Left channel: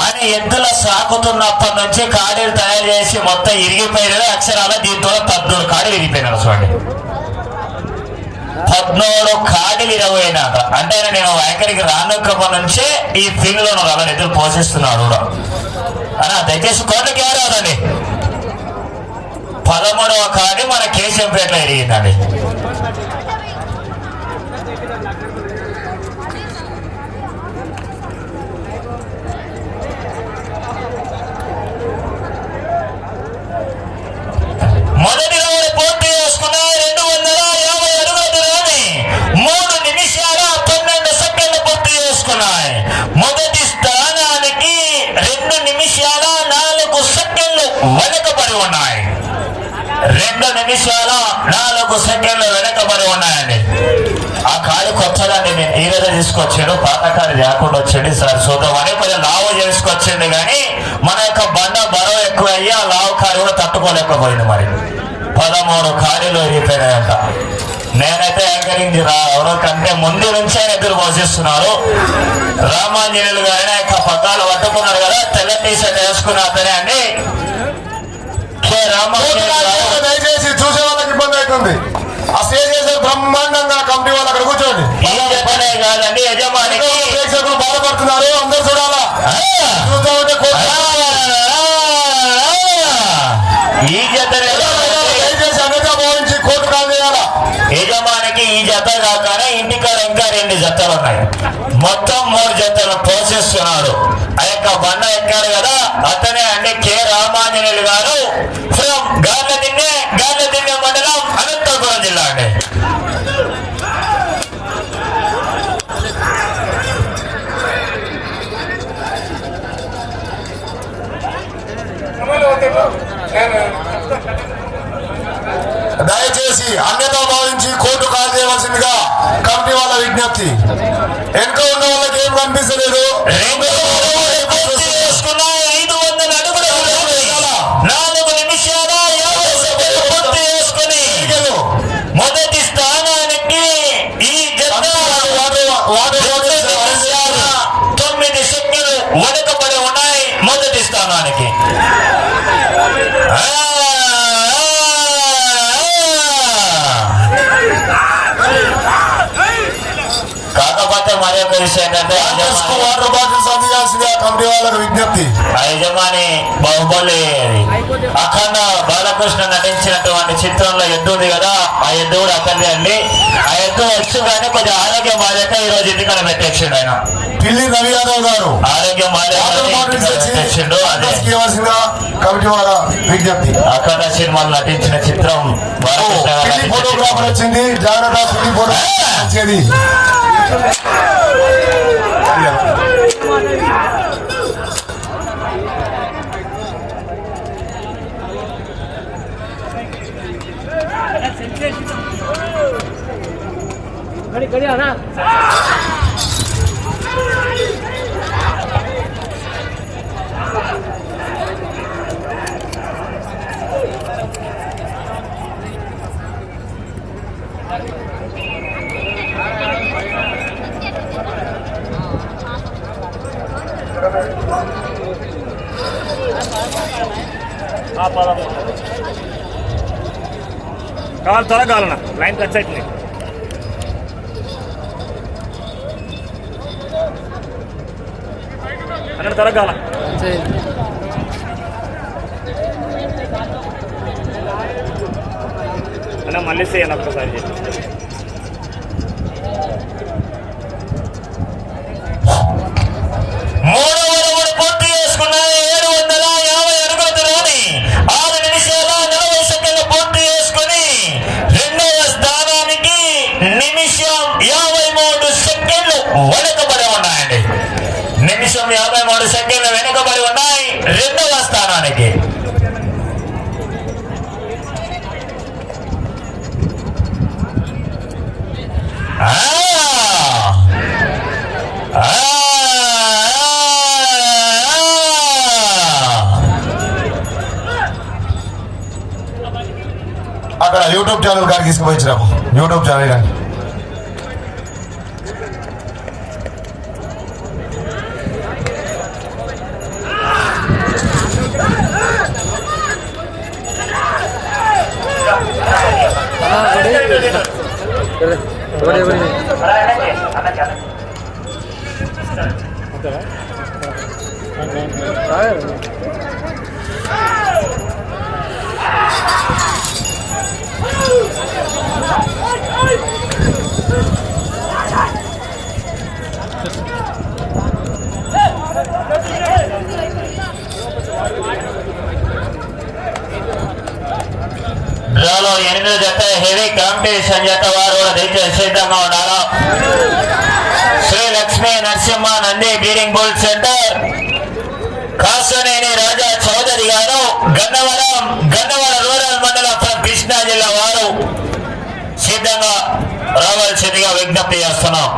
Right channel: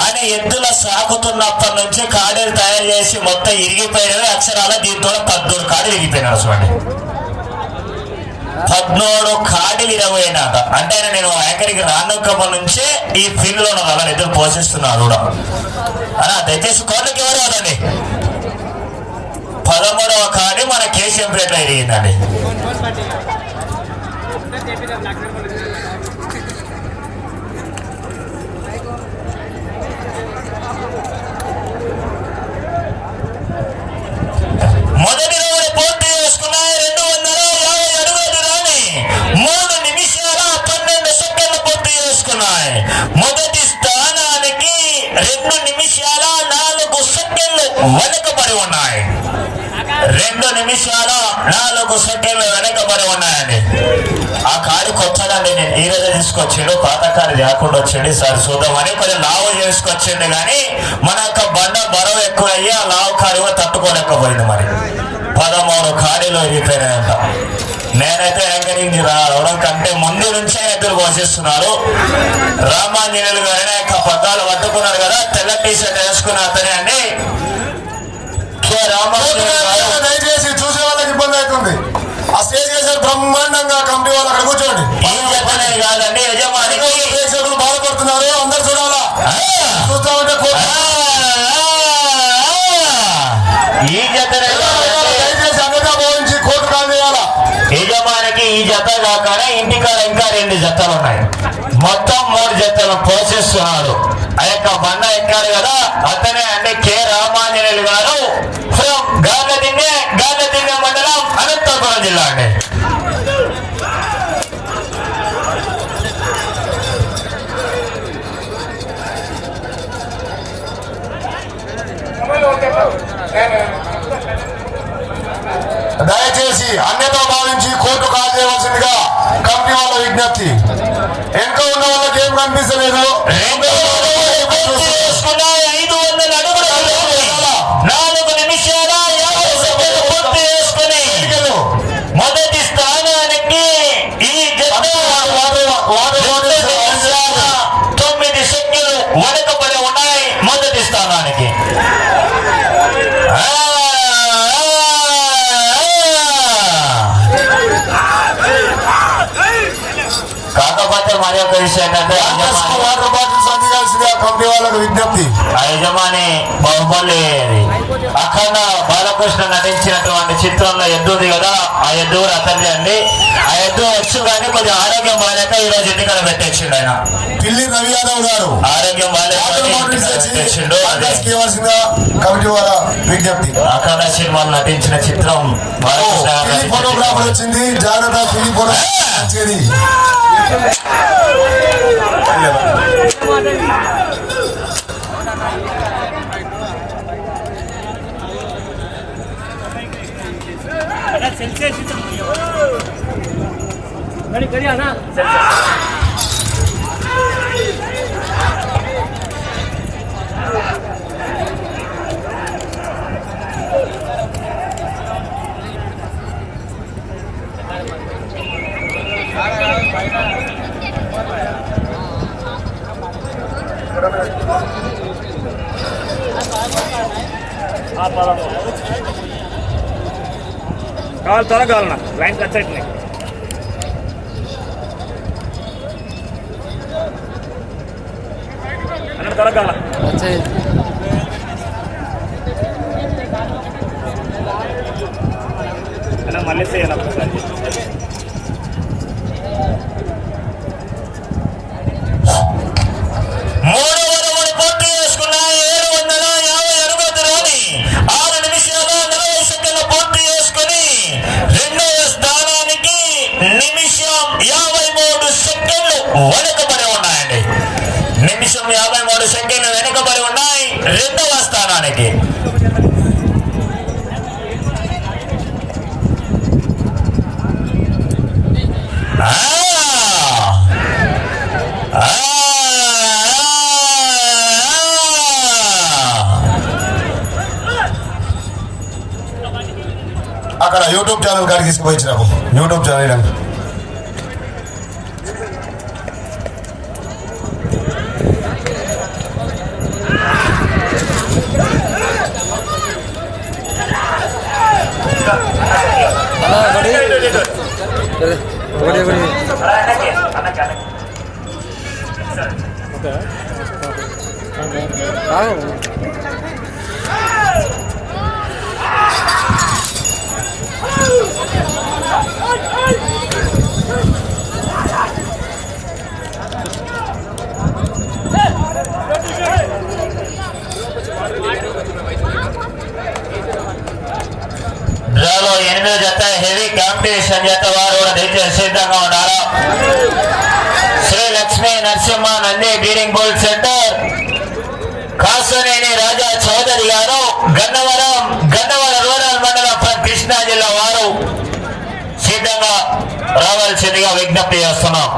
ఆయన ఎద్దుల సాగుతున్నప్పటి నుంచి కాడీలు తయారు చేసి మొత్తం ఇరిగిపోయినవి. అక్షరాల దీంతో పద్మూడు కాడీలు ఇరిగిపోయినాడు చూడండి పద్నాలుగు కాడీలు ఇరవైనాక. అంటే నేను ఎక్కడికి రానుకప్పటి నుంచే ఈ ఫీల్డ్లో అలా ఎద్దులు పోషిస్తున్నాడు కూడా. అలా దయచేసి కోటకి ఎవరు అవునండి పదమూడవ కాడి మన కేసీఎంపేటలో ఇరిగిందండి. వెనకబడి ఉన్నాయి. రెండు నిమిషాల నాలుగు సెకండ్లు వెనకబడి ఉన్నాయండి. ఆ కారు కొత్తదండి. నేను ఈ రోజు తీసుకొచ్చాడు పాత కారు లేకుండా వచ్చండి సార్. చూద్దామని కొంచెం లావు చేసుకొచ్చింది కానీ మన యొక్క బండ బరువు ఎక్కువ అయ్యి ఆ లావు కారు కూడా తట్టుకోలేకపోయింది మరి. పదమూడు కారీలు విరిగిపోయినాయంట. నేనైతే యాంకరింగ్ రావడం కంటే ముందు నుంచే ఎదురు పోషిస్తున్నారు రామాంజనేయులు గారిని యొక్క పగ్గాలు పట్టుకున్నారు కదా. తెల్ల టీషర్ట్ వేసుకున్న అతనే అండి. దయచేసి చూసే వాళ్ళకి ఇబ్బంది అవుతుంది. ఆ స్టేజ్ చేసే బ్రహ్మాండంగా కమిటీ వాళ్ళు అక్కడ కూర్చోండి. ప్రేక్షకులు బాధపడుతున్నారు. అందరు చూడాలా? చూస్తూ ఉంటే. దయచేసి అన్నిగా భావించి కోర్టు యజమానికి ఈ జత కాకనే ఇంటికాడ ఇంకా రెండు జతలు ఉన్నాయి. మొత్తం మూడు జతలు పోషిస్తున్నాడు. ఆ యొక్క బండ ఎక్కాడు కదా అతనే అంటే కె రామాంజనేయులు గారు ఫ్రమ్ గార్లదిన్నె గార్లదిన్నె మండలం అనంతపురం జిల్లా అండి. దయచేసి అన్యతా భావించి కోర్టు కాల్ చేయవలసిందిగా కమిటీ వాళ్ళ విజ్ఞప్తి. వెనుక ఉన్న వాళ్ళకి ఏం కనిపిస్తలేదు కమిటీ వాళ్ళకు విజ్ఞప్తి ఆ యజమాని బాహుబలి అఖండ బాలకృష్ణ నటించినటువంటి చిత్రంలో ఎద్దు ఉంది కదా ఆ ఎద్దు కూడా అండి. ఆ ఎద్దు వచ్చు కానీ కొంచెం ఆరోగ్యం బాగాలేక ఈ రోజు ఎన్నికల పెట్టేసిండు ఆయన. పిల్లి రవి యాదవ్ గారు. ఆరోగ్యం కమిటీ వాళ్ళ విజ్ఞప్తి. అఖండ సినిమాలో నటించిన చిత్రం బాలకృష్ణ గారు ఫోటోగ్రాఫర్. వచ్చింది జాగ్రత్త పిల్లి ఫోటోగ్రాఫర్ వచ్చేది. 何かやな。स्वतःला घालणार. लाईन कचट नाही. యూట్యూబ్ ఛానల్ గారికి తీసుకుపోయించినాము యూట్యూబ్ ఛానల్ డ్రాలో ఎనిమిది జత హెవీ కాంపిటీషన్ జత వారు కూడా దయచేసి సిద్ధంగా ఉన్నారు. Shri Lakshmi Narasimha Nandi bearing ball centre. Kasuneni Raja Chowdary గారు గన్నవరం గన్నవరం రూరల్ మండలం కృష్ణా జిల్లా వారు సిద్ధంగా రావాల్సిందిగా విజ్ఞప్తి చేస్తున్నాం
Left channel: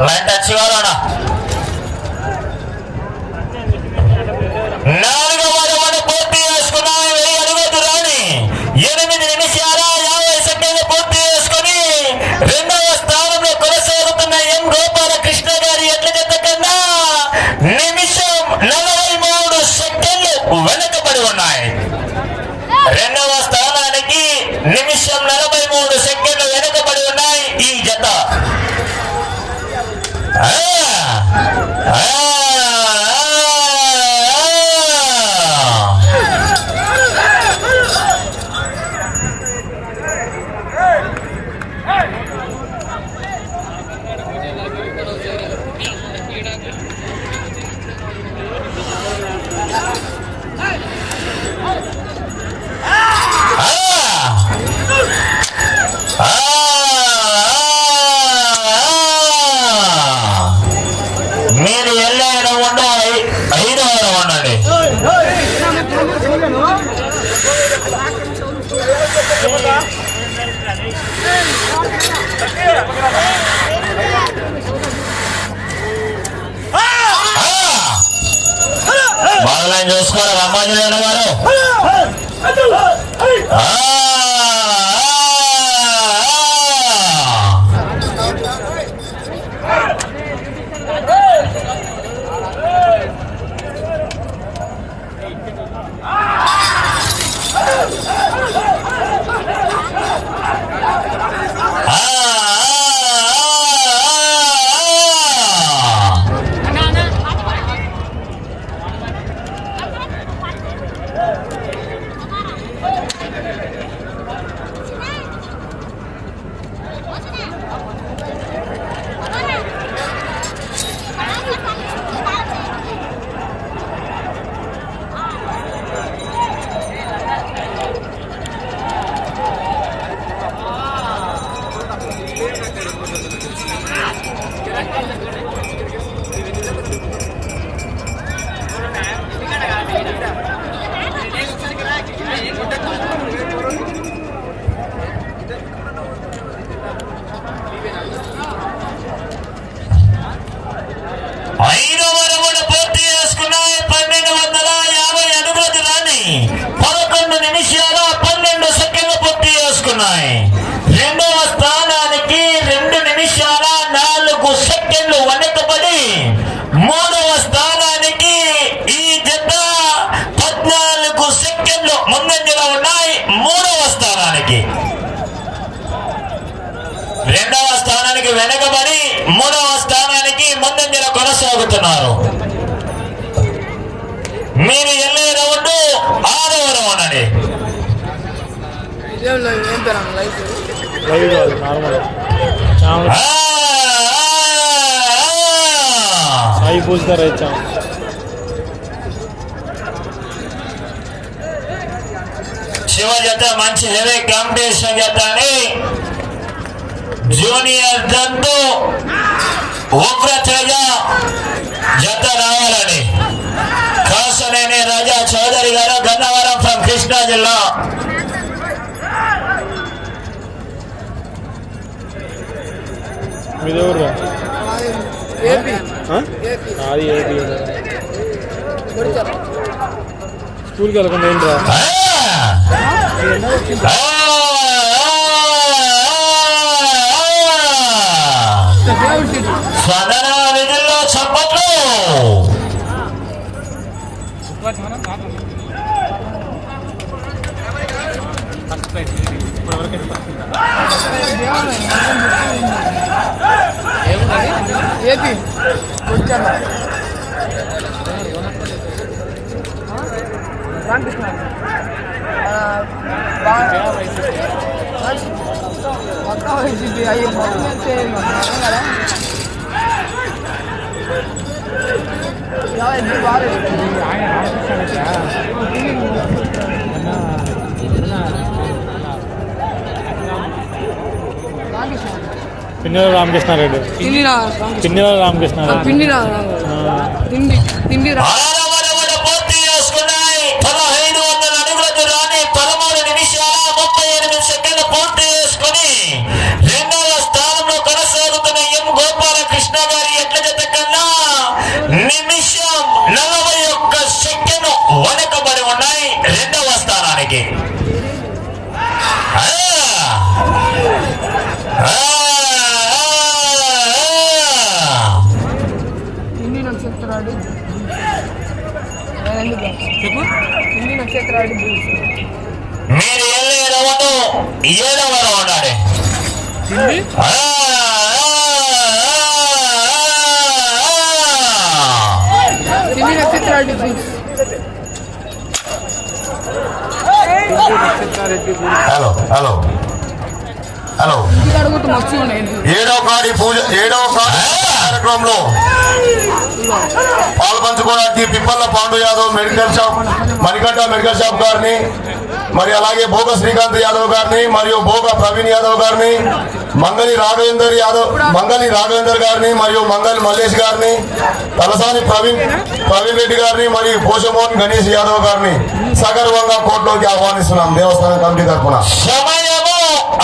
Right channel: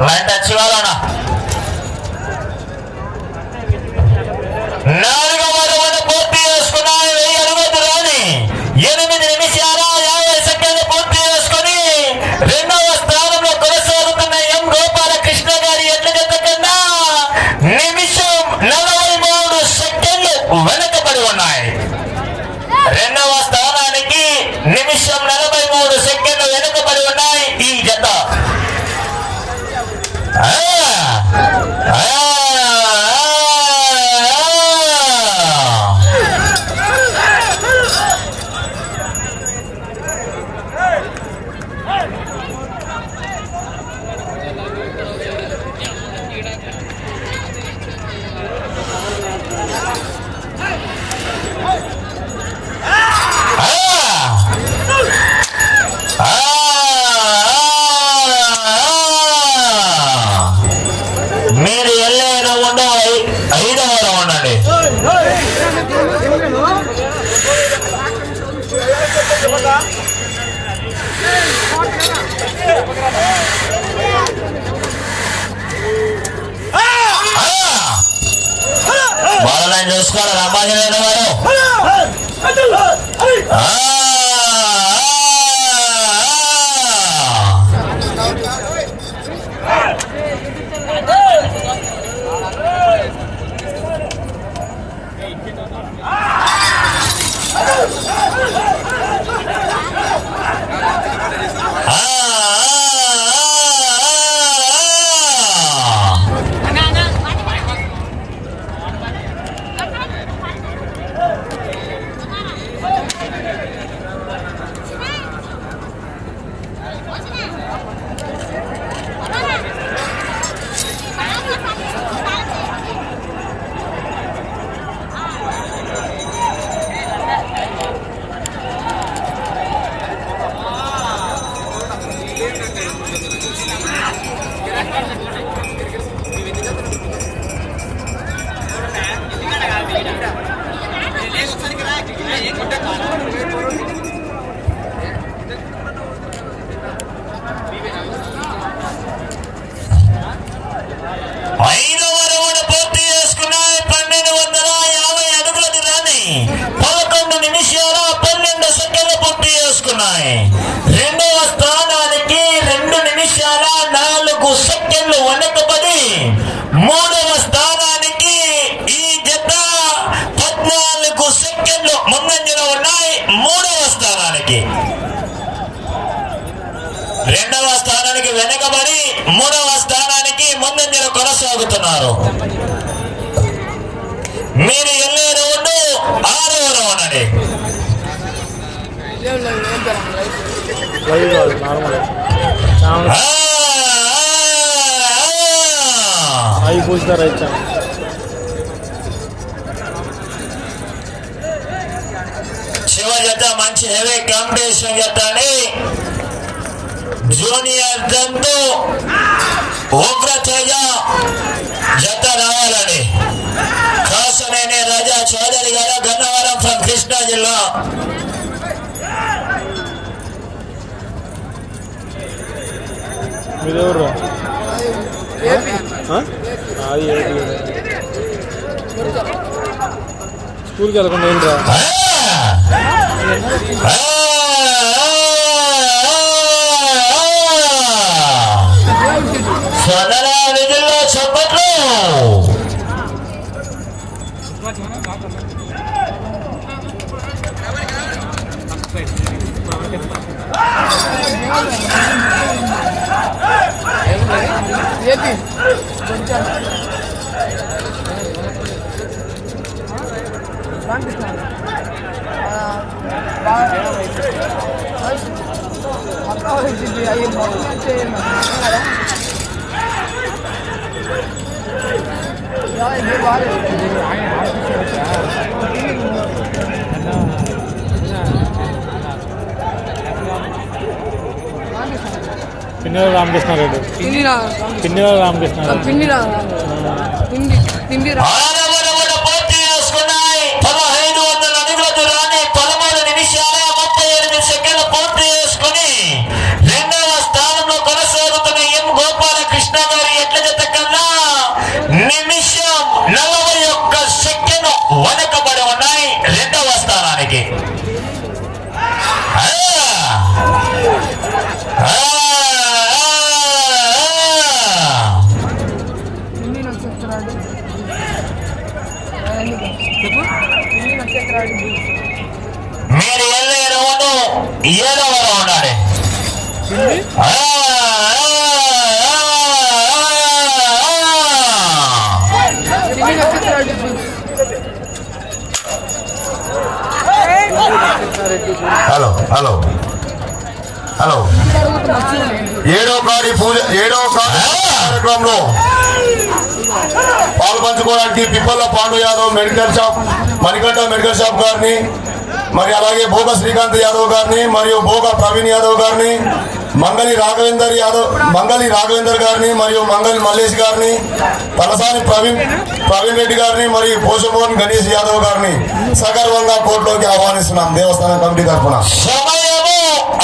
లైన్ టచ్ కావాలన్నా నాలుగవ రౌండ్ పూర్తి చేసుకున్నాయి వెయ్యి అడుగు దూరాన్ని ఎనిమిది నిమిషాల యాభై సెకండ్లు పూర్తి చేసుకుని రెండవ స్థానంలో కొనసాగుతున్న ఎం గోపాలకృష్ణ గారి ఎట్ల జత కన్నా నిమిషం నలభై మూడు సెకండ్లు వెనకబడి ఉన్నాయి రెండవ స్థానానికి నిమిషం నలభై బాలలైన్ చూసుకోవాలి రంభాజనేయుడు గారు. Gracias. స్థానానికి ముందంజలో కొనసాగుతున్నారు. మీరు వెళ్ళే రౌండ్ ఆరవ రౌండ్ అండి. లైవ్ అయితే శివ జత మంచి హెవీ కాంపిటీషన్ జత అని జూనియర్ జంతు ఉగ్రతేజ జత రావాలని కాసనేని రాజా చౌదరి గారు గన్నవరం ఫ్రం కృష్ణా జిల్లా. అది స్కూల్కి వెళ్ళకుండా ఏంట్రా? జిల్లా చప్పట్లు. ఏపీ. మొత్తం పిన్నెల రామకృష్ణారెడ్డి. తిండి రా పిన్నెల రామకృష్ణారెడ్డి. పిండి ఏడో కాడి పూజ ఏడో కాడి కార్యక్రమంలో పాలు పంచుకోవడానికి Pippalla Pandu Yadav medical shop Manikanta medical shop గారిని మరి అలాగే భోగ శ్రీకాంత్ యాదవ్ గారిని మరియు భోగ ప్రవీణ్ యాదవ్ గారిని మంగళి రాఘవేందర్ యాదవ్ మంగళి రాఘవేందర్ గారిని మరియు మంగళి మల్లేష్ గారిని తలసాని ప్రవీణ్ ప్రవీణ్ రెడ్డి గారిని మరియు పోషమోహన్ గణేష్ యాదవ్ గారిని సగర్వంగా కోర్టులోకి ఆహ్వానిస్తున్నాం దేవస్థానం కమిటీ తరఫున సమయము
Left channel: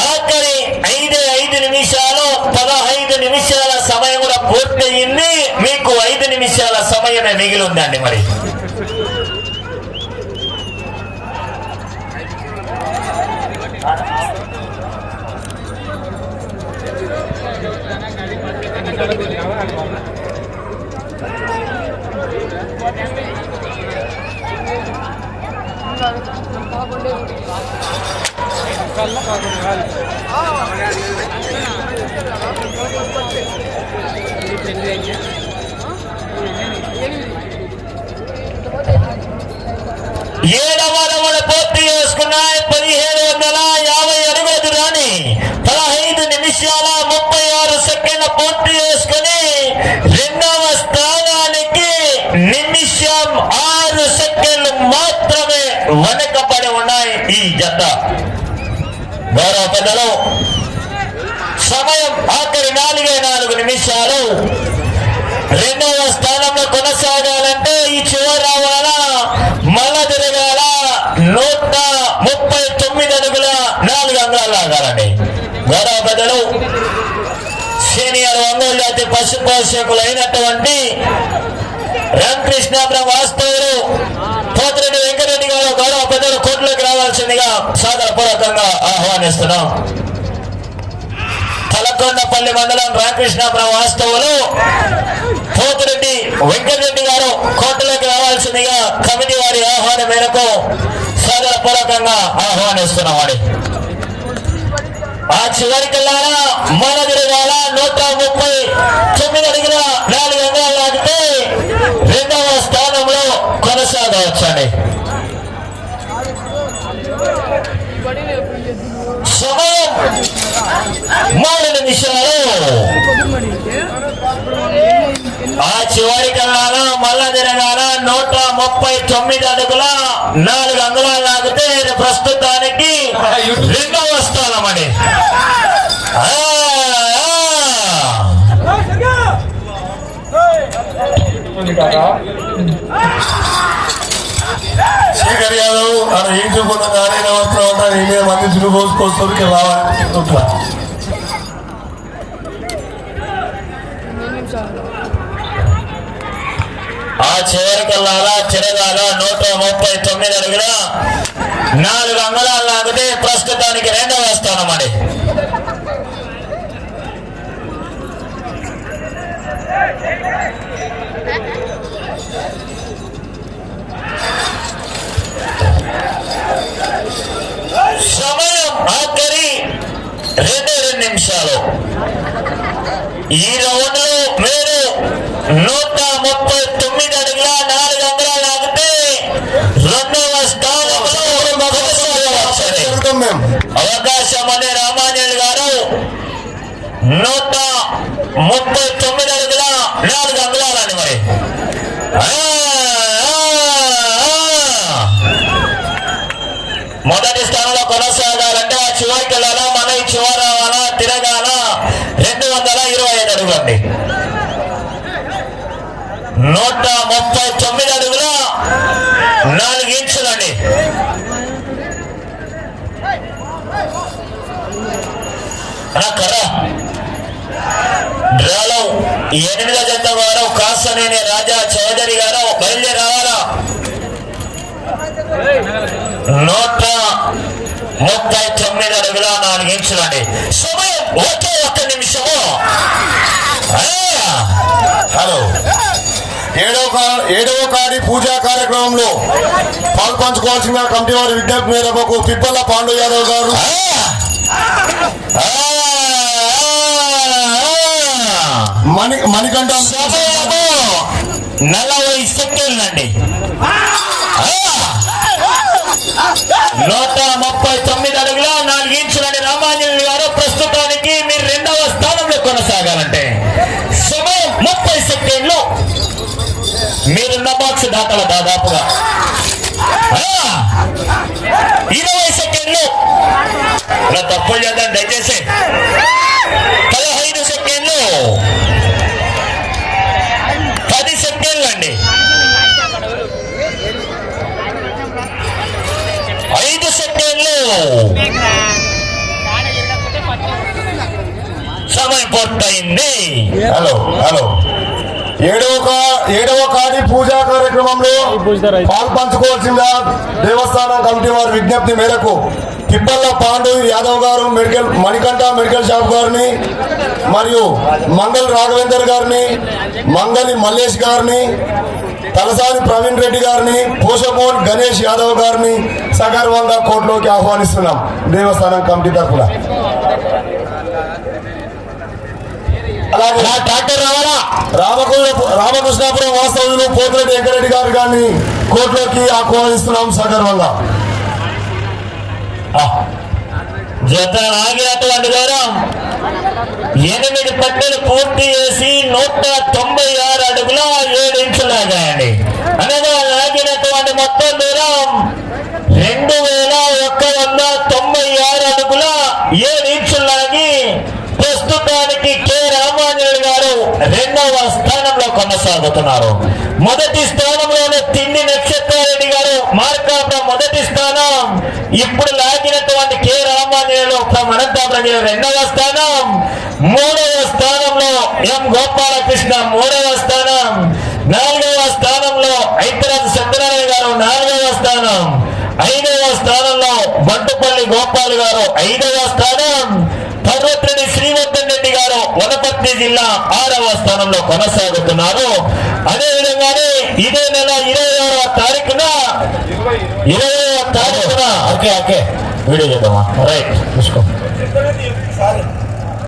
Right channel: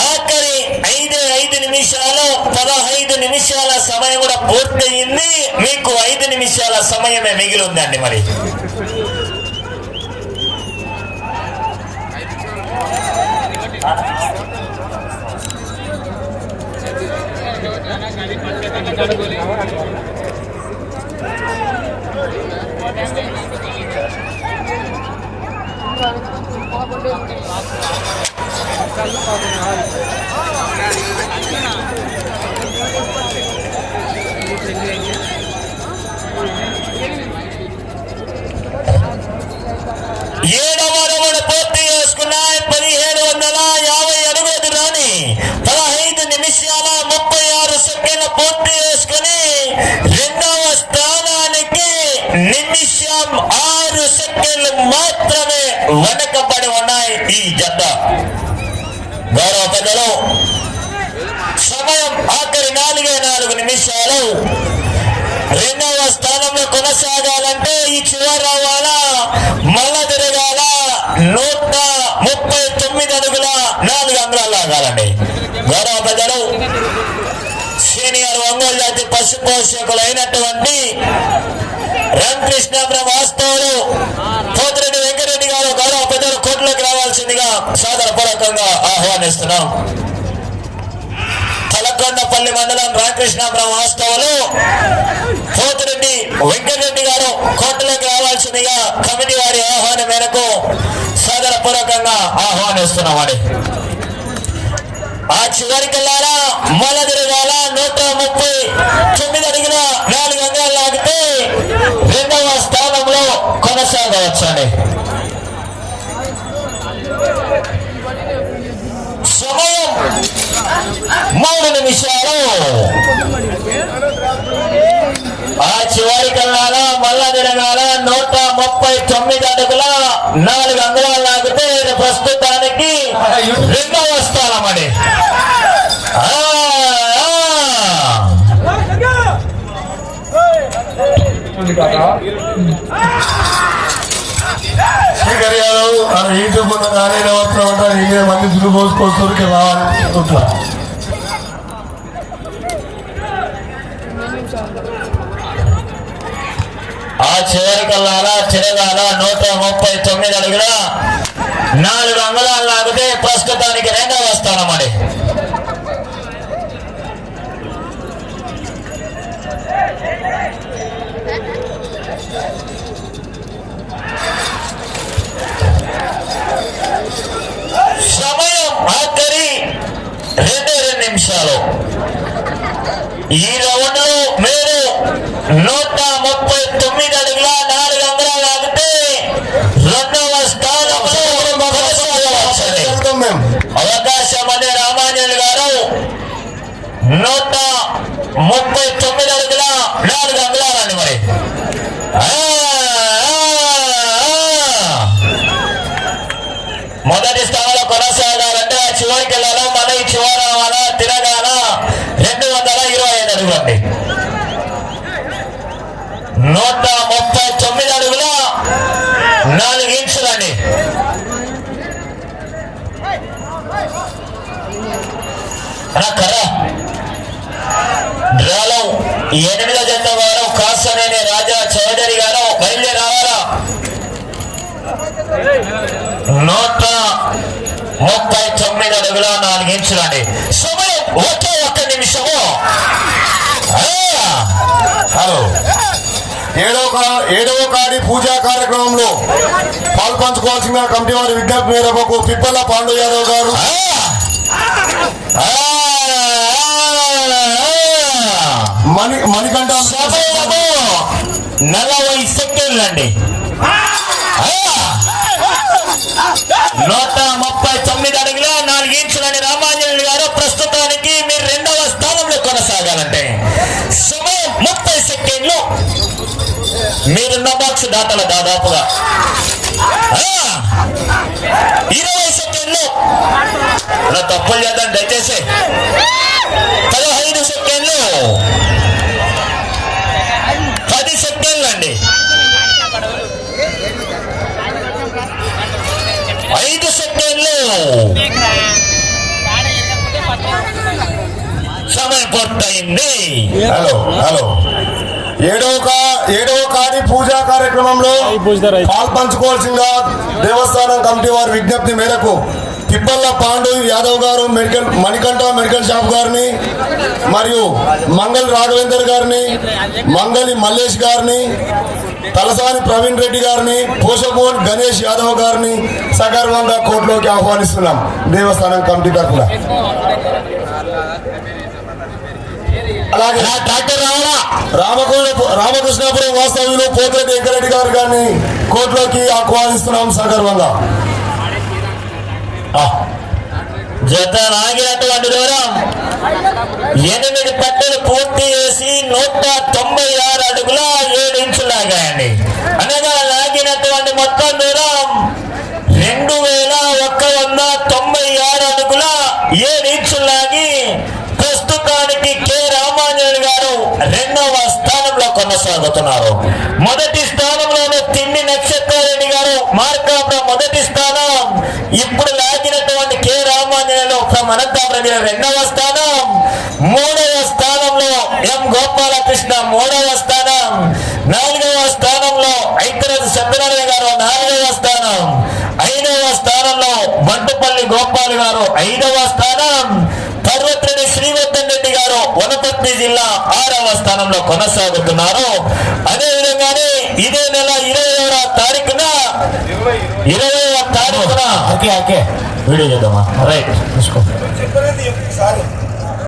ఆఖరి ఐదు ఐదు నిమిషాలు పదహైదు నిమిషాల సమయం కూడా పూర్తయింది. మీకు ఐదు నిమిషాల సమయమే మిగిలి ఉందండి మరి ఏడవ రౌండ్ పూర్తి చేసుకున్నాయి పదిహేడు వందల యాభై అడుగుల దూరాన్ని పదహైదు నిమిషాల ముప్పై ఆరు సెకండ్ల పూర్తి చేసుకుని రెండవ స్థానానికి నిమిషం ఆరు సెకండ్లు మాత్రమే వెనకబడి ఉన్నాయి ఈ జత గౌరవ పెద్దలు సమయం ఆఖరి నాలుగే నాలుగు నిమిషాలు. రెండవ స్థానంలో కొనసాగాలంటే ఈ చివరి రావాలా మల్ల తిరగాల. నూట ముప్పై తొమ్మిది అడుగుల నాలుగు అంగాలు లాగాలండి గౌరవ పెద్దలు సీనియర్ ఒంగోలు జాతి పశు పోషకులు అయినటువంటి రామకృష్ణాపురం వాస్తవులు పోతిరెడ్డి వెంకటరెడ్డి గారు గౌరవ పెద్దలు కోర్టులోకి రావాల్సిందిగా సాదరపూర్వకంగా ఆహ్వానిస్తున్నాం. తలకొండపల్లి మండలం రామకృష్ణాపురం వాస్తవులు పోతిరెడ్డి వెంకటరెడ్డి గారు కోర్టులోకి రావాల్సిందిగా కమిటీ వారి ఆహ్వానం మేరకు సాదరపూర్వకంగా ఆహ్వానిస్తున్నామని ఆ చివరికెళ్ళారా మొదటిగాల నూట ముప్పై తొమ్మిది అడిగిన నాలుగు వందలు లాగితే రెండవ స్థానంలో కొనసాగవచ్చండి. మూడు నిమిషాలు ఆ చివరి కల్లాల మల్ల తిరగాల నూట ముప్పై తొమ్మిది అడుగుల నాలుగు అంగుళాలు లాగితే ప్రస్తుతానికి రెండవ స్థానం అండి. ఆ, ఆ. శేఖర్ యాదవ్ మన ఇంటి కొంత నానే అవసరం ఉంటారు ఇదే మంది సులువు పోసుకొస్తారు రావాలి చెప్తున్నా. ఆ చివరి కల్లారా తిరగాల నూట ముప్పై తొమ్మిది అడుగుల నాలుగు అంగుళాలు లాగితే ప్రస్తుతానికి రెండవ రెండే రెండు నిమిషాలు. ఈ రౌండ్లో మీరు నూట ముప్పై తొమ్మిది అడుగుల నాలుగు వందల ఆగితే రెండవ స్థానంలో అవకాశం అనే రామాంజన్ గారు నూట ముప్పై తొమ్మిది అడుగుల నాలుగు అంగుళాలని మరి మొదటి స్థానంలో కొనసాగాలంటే ఆ చివరికి వెళ్ళాలా మన ఈ చివర రావాలా తిరగాల రెండు వందల ఇరవై ఐదు అడుగులండి నూట ముప్పై తొమ్మిది అడుగుల నాలుగు ఇంచులని. అన్నా ఎనిమిదో జత వారు కాసనేని రాజా చౌదరి గారు బయలుదేరి రావాలా? నూట ముప్పై తొమ్మిది అడుగుల నాలుగు ఇంచులండి సమయం ఒకే ఒక్క నిమిషము. హలో. ఏడవ కా- ఏడవ కాడి పూజా కార్యక్రమంలో పాల్పంచుకోవాల్సిన కమిటీ వారి విజ్ఞప్తి మేరకు తిప్పల పాండు యాదవ్ గారు. మణి మణికంఠ. నలభై సెకండ్లు అండి. దాతల దాదాపుగా. ఇరవై సెకండ్లు. ఇలా తప్పులు చేద్దాం దయచేసి. పదహైదు సెకండ్లు. పది సెకండ్లు అండి. ఐదు సెకండ్లు. సమయం పూర్తయింది హలో హలో. ఏడవ ఏడవ కాడి పూజా కార్యక్రమంలో పాల్పంచుకోవాల్సిందిగా దేవస్థానం కమిటీ వారి విజ్ఞప్తి మేరకు తిప్పల్ల పాండు యాదవ్ గారు మెడికల్ మణికంఠ మెడికల్ షాప్ గారిని మరియు మంగళ రాఘవేందర్ గారిని మంగళి మల్లేష్ గారిని తలసాని ప్రవీణ్ రెడ్డి గారిని పోషమోన్ గణేష్ యాదవ్ గారిని సగర్వంగా కోర్టులోకి ఆహ్వానిస్తున్నాం దేవస్థానం కమిటీ తరఫున. అలాగే ఆ ట్రాక్టర్ రావాలా? రామకృష్ణ రామకృష్ణాపురం వాస్తవంలో పోతిరెడ్డి వెంకరెడ్డి గారు గారిని కోర్టులోకి ఆహ్వానిస్తున్నాం సగర్వంగా ఆ, జత ఆగినటువంటి దూరం ఎనిమిది పట్టలు పూర్తి చేసి నూట తొంభై ఆరు అడుగుల ఏడు ఇంచులు లాగాయండి. అనగా లాగినటువంటి మొత్తం దూరం రెండు వేల ఒక్క వంద తొంభై ఆరు అడుగుల ఏడు ఇంచులు లాగి ప్రస్తుతానికి కే రామాంజలి గారు రెండవ స్థానంలో కొనసాగుతున్నారు. మొదటి స్థానంలోనే తిండి నక్షత్రారెడ్డి గారు మార్కాపురం మొదటి స్థానం. ఇప్పుడు లాగినటువంటి కె రామాంజలిలో ఫ్రమ్ అనంతపురం రెండవ స్థానం. మూడవ స్థానంలో ఎం గోపాలకృష్ణ మూడవ స్థానం. నాలుగవ స్థానంలో ఐతరాజు సత్యనారాయణ గారు నాలుగవ స్థానం. ఐదవ స్థానంలో బంటుపల్లి గోపాల్ గారు ఐదవ స్థానం పర్వతరెడ్డి శ్రీవర్ధన్ రెడ్డి గారు వనపర్తి జిల్లా ఆరవ స్థానంలో కొనసాగుతున్నారు. అదే విధంగానే ఇదే నెల ఇరవైవ తారీఖున ఇరవైవ తారీఖున ఓకే ఓకే. వీడియో చేద్దామా? రైట్ తీసుకో